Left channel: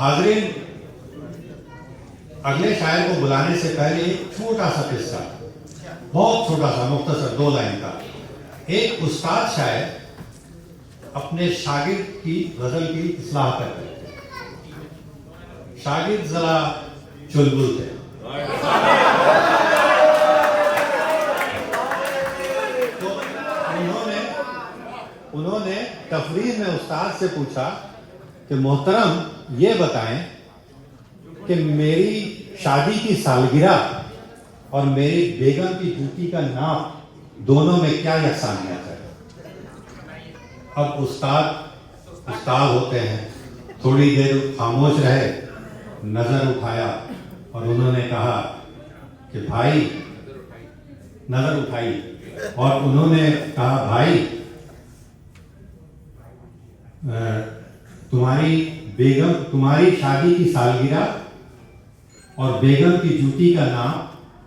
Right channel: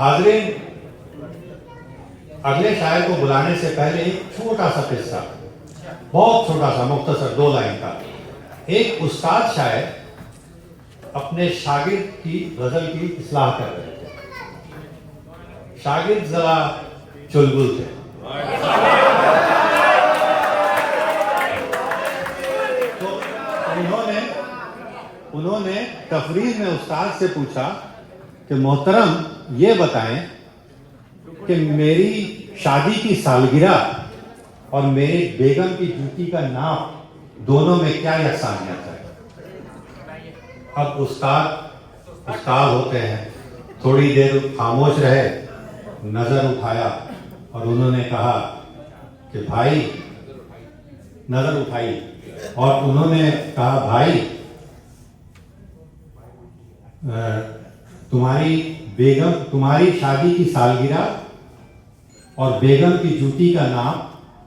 हाजरीन, अगले शायर को बुलाने से पहले एक छोटा सा किस्सा, बहुत छोटा सा, मुख्तसर 2 लाइन का। एक उस्ताद शायर अपने शागिर्द की गजल की इस्लाह कर रहे थे। शागिर्द जरा चुलबुल थे। तो उन्होंने तफरीर में उस्ताद से पूछा कि मोहतरम, ये बताएं कि मेरी शादी की सालगिरह और मेरी बेगम की जूती का नाप दोनों में क्या यकसानियत है। अब उस्ताद होते हैं, थोड़ी देर खामोश रहे, नजर उठाया और उन्होंने कहा कि भाई, नजर उठाई और उन्होंने कहा भाई, तुम्हारी शादी की सालगिरह और बेगम की जूती का नाम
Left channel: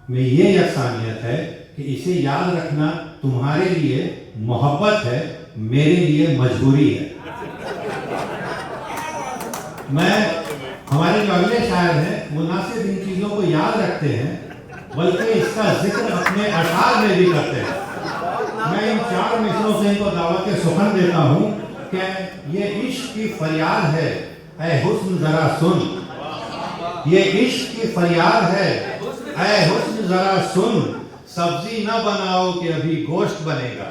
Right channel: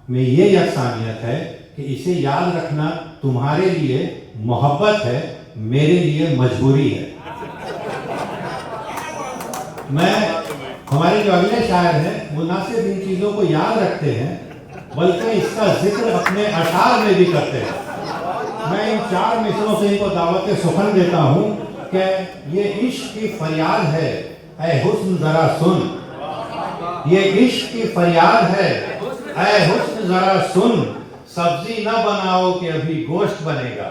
में ये यकसानियत है कि इसे याद रखना तुम्हारे लिए मोहब्बत है, मेरे लिए मजबूरी है। हमारे जो अगले शायर हैं वो न सिर्फ इन चीजों को याद रखते हैं बल्कि इसका जिक्र अपने अशार में भी करते हैं। मैं इन 4 मिसरों से इनको दावत सुखन देता हूं कि ये इश्क की फरियाद है, ऐ हुस्न जरा सुन। ये इश्क की फरियाद है, ऐ हुस्न जरा सुन। सब्जी न बनाओ कि अभी गोश्त बनेगा,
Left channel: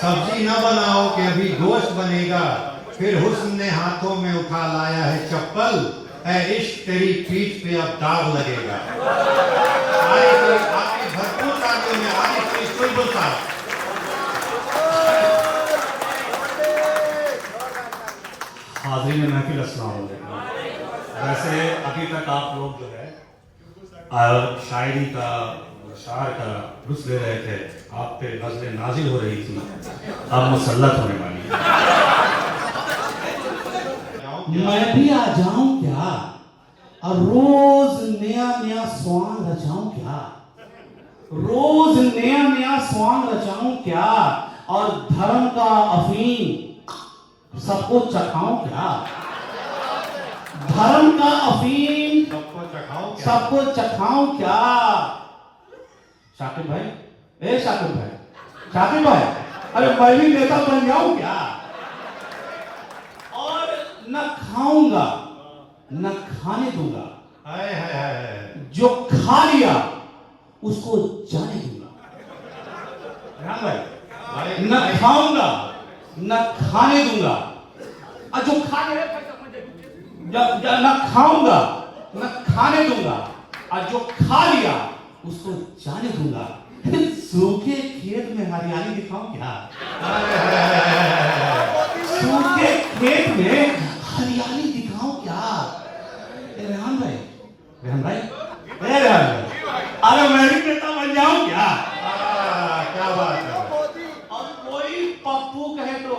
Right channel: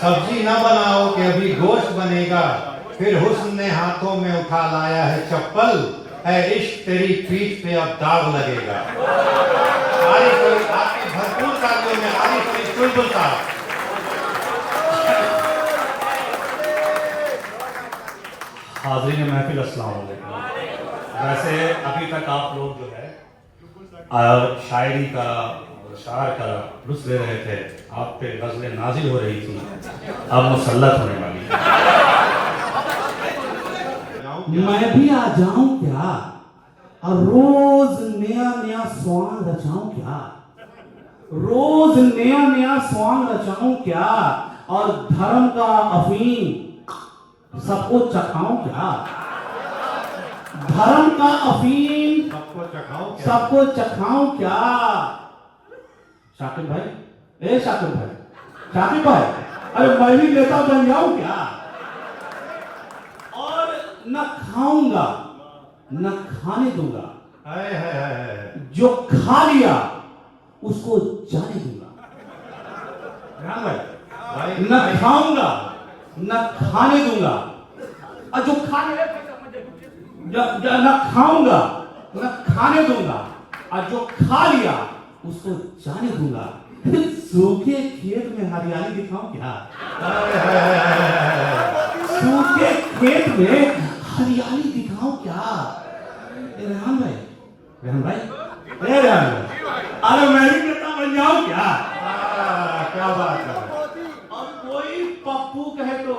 सब्जी न बनाओ कि अभी गोश्त बनेगा। फिर हुस्न ने हाथों में उठा लाया है चप्पल, ऐ इश्क तेरी पीठ पे अब दाग लगेगा। आपकी भरपूर तालियों में आरिफ चुलबुल साहब। हाज़रीन महफिल, अस्सलाम वालेकुम। वैसे अभी तक आप लोग जो है शायरी का और शायर का लुत्फ़ ले रहे थे, आप पे गज़लें नाजिल हो रही थी, अब मुसल्लत होने वाली है। मैं भी आ जाऊं क्या और रोज नया नया स्वांग रचाऊं क्या, रोज नया नया स्वांग रचाऊं क्या, और धर्म का अफीम सबको चखाऊं क्या, धर्म का अफीम सबको चखाऊं क्या। शाकिब भाई, शाकिब भाई, अरे मैं भी नेता बन जाऊं क्या, और न खाऊंगा न खाने दूंगा, जो खा लिया उसको जाने दूंगा। न खाऊंगा न खाने दूंगा, और जो खा लिया न खाऊंगा न खाने दूंगा, और जो खा लिया उसको जाने दूंगा। सूखे खेत में हरियाली दिखाऊं क्या, सूखे खेत में हरियाली दिखाऊं क्या। रेहान भाई, अरे मैं भी नेता बन जाऊं क्या। क्या बात है। और कोई पप्पू कहे तो,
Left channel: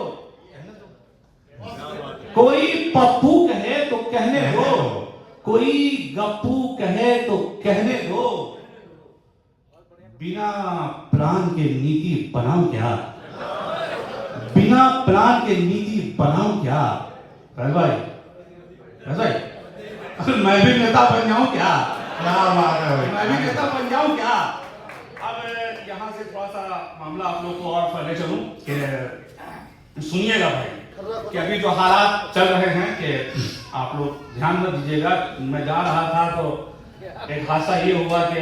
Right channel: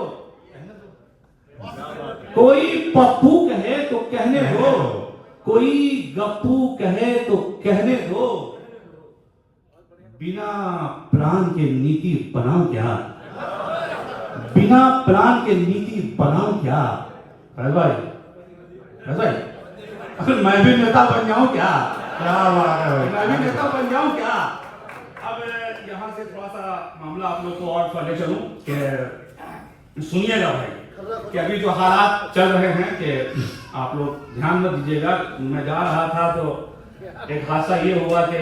कोई पप्पू कहे तो कहने दो, कोई गप्पू कहे तो कहने दो। बिना प्लान के नीति बनाऊं क्या, बिना प्लान के नीति बनाऊं क्या। भाई मैं भी नेता बन जाऊं क्या, क्या बात है भाई, मैं भी नेता बन जाऊं क्या। अब यहाँ से थोड़ा सा मामला आप लोग को और पहले चलूं कि सुनिएगा भाई कि अभी जो हालात चल रहे हैं कि आप लोग ध्यान में दीजिएगा। मैं जा रहा था तो एक हादसा ये हुआ कि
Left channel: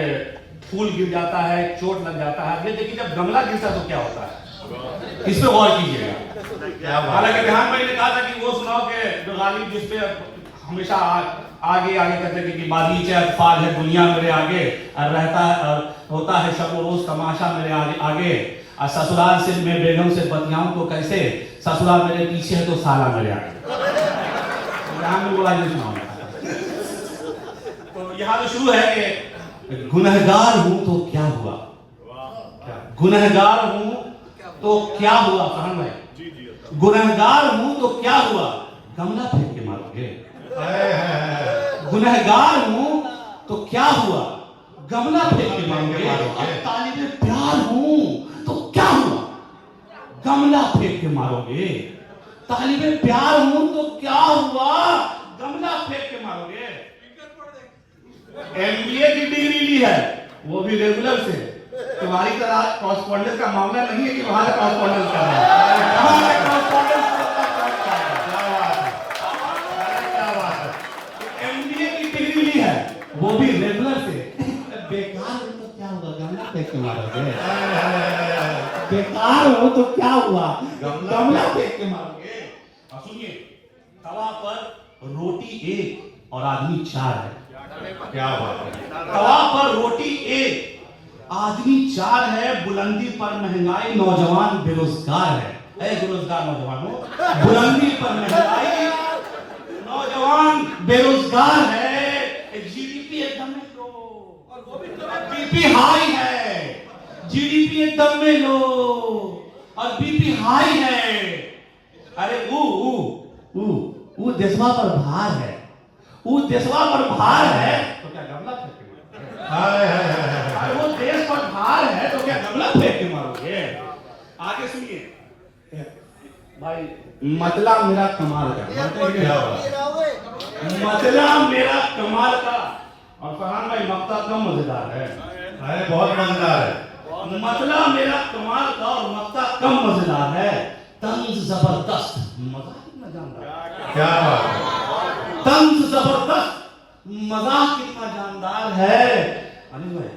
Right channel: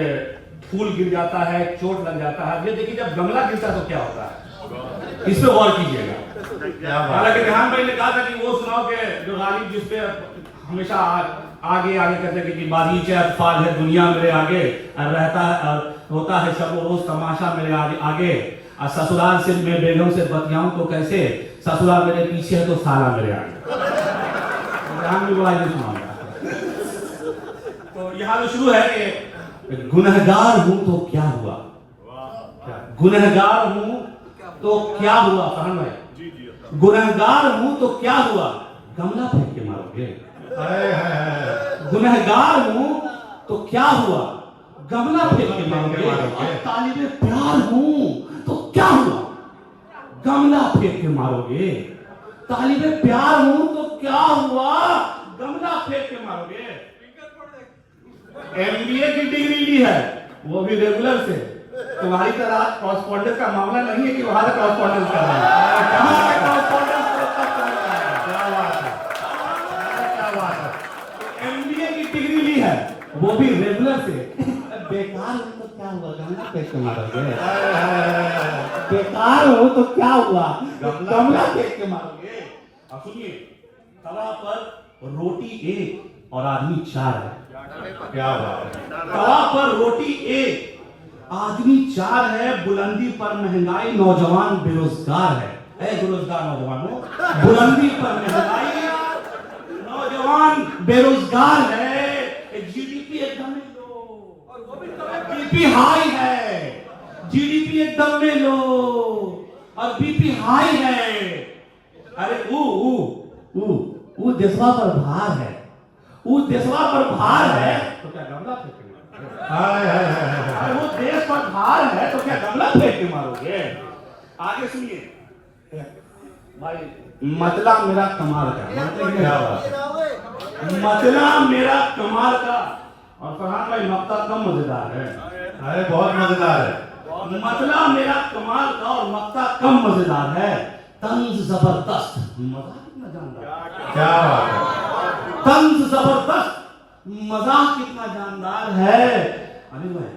फूल गिर जाता है, चोट लग जाता है। ये देखिए, जब गमला गिरता तो क्या होता है, इस पे गौर कीजिएगा। हालांकि रेहान भाई ने कहा था कि वो सुनाओ कि जो गालिब जिसपे हमेशा आगे कहते थे कि बागीचे अतफाल है दुनिया मेरे आगे, रहता होता है शब रोज तमाशा मेरे आगे, ससुराल से मैं बेगम से बतियाऊं तो कैसे, ससुराल मेरे पीछे है तो साला मेरे आगे। तो यहाँ तो शुरू है कि गुनहगार हूं तो क्या हुआ, गुनहगार हूं तो क्या हुआ। फरमान भाई, गुनहगार हूं तो क्या हुआ, गमला फेंक के मारोगे। गुनहगार हूं तो क्या हुआ, गमला फेंक के मारोगे। तालिबे प्यार हूं तो क्या हुआ, गमला फेंक के मारोगे। तालिबे प्यार हूं तो क्या हुआ, मारोगे? MBA की डिग्री ली है, वो भी रेगुलर से। तुम्हारी तरह कॉरेस्पॉन्डेंस का मामला नहीं है कि वहां से कॉरेस्पॉन्डेंस कर रहे हैं। कहां से कॉरेस्पॉन्डेंस क्या बात है, क्या बात है। MBA की डिग्री ली है, वो भी रेगुलर से। बेकार हो तो क्या हुआ, गमला फेंक के मारोगे? बेकार हो तो क्या हुआ, गमला फेंक के मारोगे? अब सुनिए, तवा पर रोटी एक और आदमी 4 है। क्या बात है। तवा पर रोटी एक, आदमी 4 है, बुलंदी पर महंगाई, नौजवान बेरोजगार है। ऐ बेरोजगार नौजवानों, बुलंदी पर महंगाई, नौजवान बेरोजगार है। GDP एकदम में लो, बीपी हाई है। GDP एकदम में लो और बीपी हाई है। अरे ऊ देशवा पर भार है, ऊ देशवा पर भार है तो क्या गमला फेंकेंगे? हाय हाय हाय हाय। अरे वो देश पर भार है तो क्या गमला फेंक के मारोगे? आगे सुनिए भाई, मतला मेरा कमाल का, क्या बात है। मतला मेरा कमाल का। और फरहान भाई मक्ता कम मजेदार है। अरे बहुत मजेदार है। मतला मेरा कमाल का और मक्ता कम मजेदार है। तंज जबरदस्त, मजा कितना जानदार। क्या बात है। तंज जबरदस्त, मजाक कितना जानदार है। अनिल भाई,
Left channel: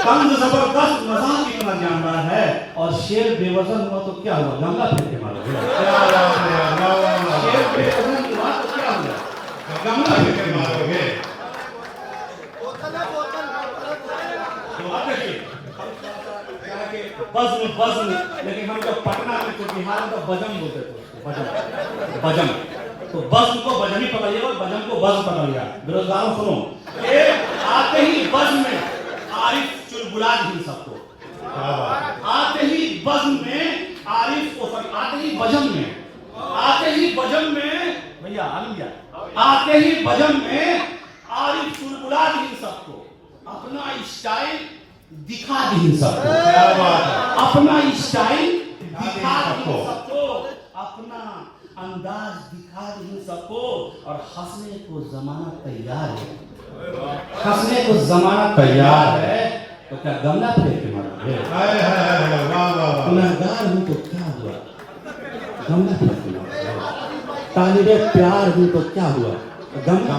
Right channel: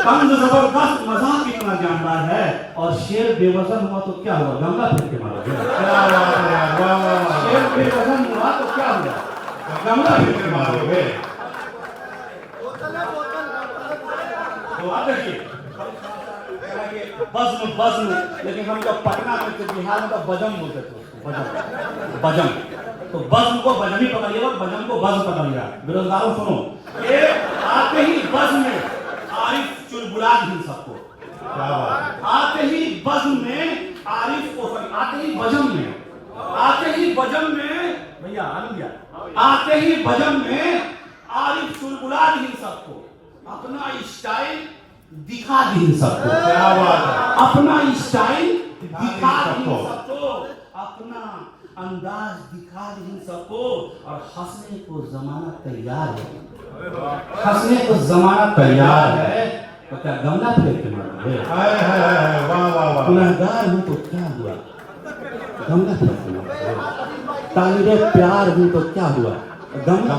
तंज जबरदस्त, मजाक कितना जानदार है। और शेर बेवजन हुआ तो क्या हुआ, गमला फेंक के मारोगे? क्या बात है यार, वाह वाह वाह। शेर बेवजन हुआ तो क्या हुआ, गमला फेंक के मारोगे? तो आप देखिए, बज्म, लेकिन हम लोग पटना में तो बिहार में तो बजम बोलते थे उसको, बजम। तो बज्म को बजम ही पकड़िएगा, बजम को बज्म पकड़िएगा। बेरोजगारों सुनो, ये आते ही बज्म में आरिफ चुलबुला दी सबको। क्या बात है। आते ही बज्म में आरिफ को, आते ही बजम में, आते ही बजम में भैया आलिया, आते ही बजम में आरिफ चुलबुला दी सबको। अपना स्टाइल दिखा दी सबको। क्या बात है। अपना स्टाइल दिखा दी सबको, अपना अंदाज दिखा दी सबको। और हंसने को जमाना तैयार है, हंसने को जमाना तैयार है तो क्या गमला फेंक के मारोगे? हाय हाय हाय हाय, वाह वाह वाह। गुनहगार हूं तो क्या हुआ, गमला फेंक के मारोगे? ताहिरे प्यार हूं तो क्या हुआ, गमला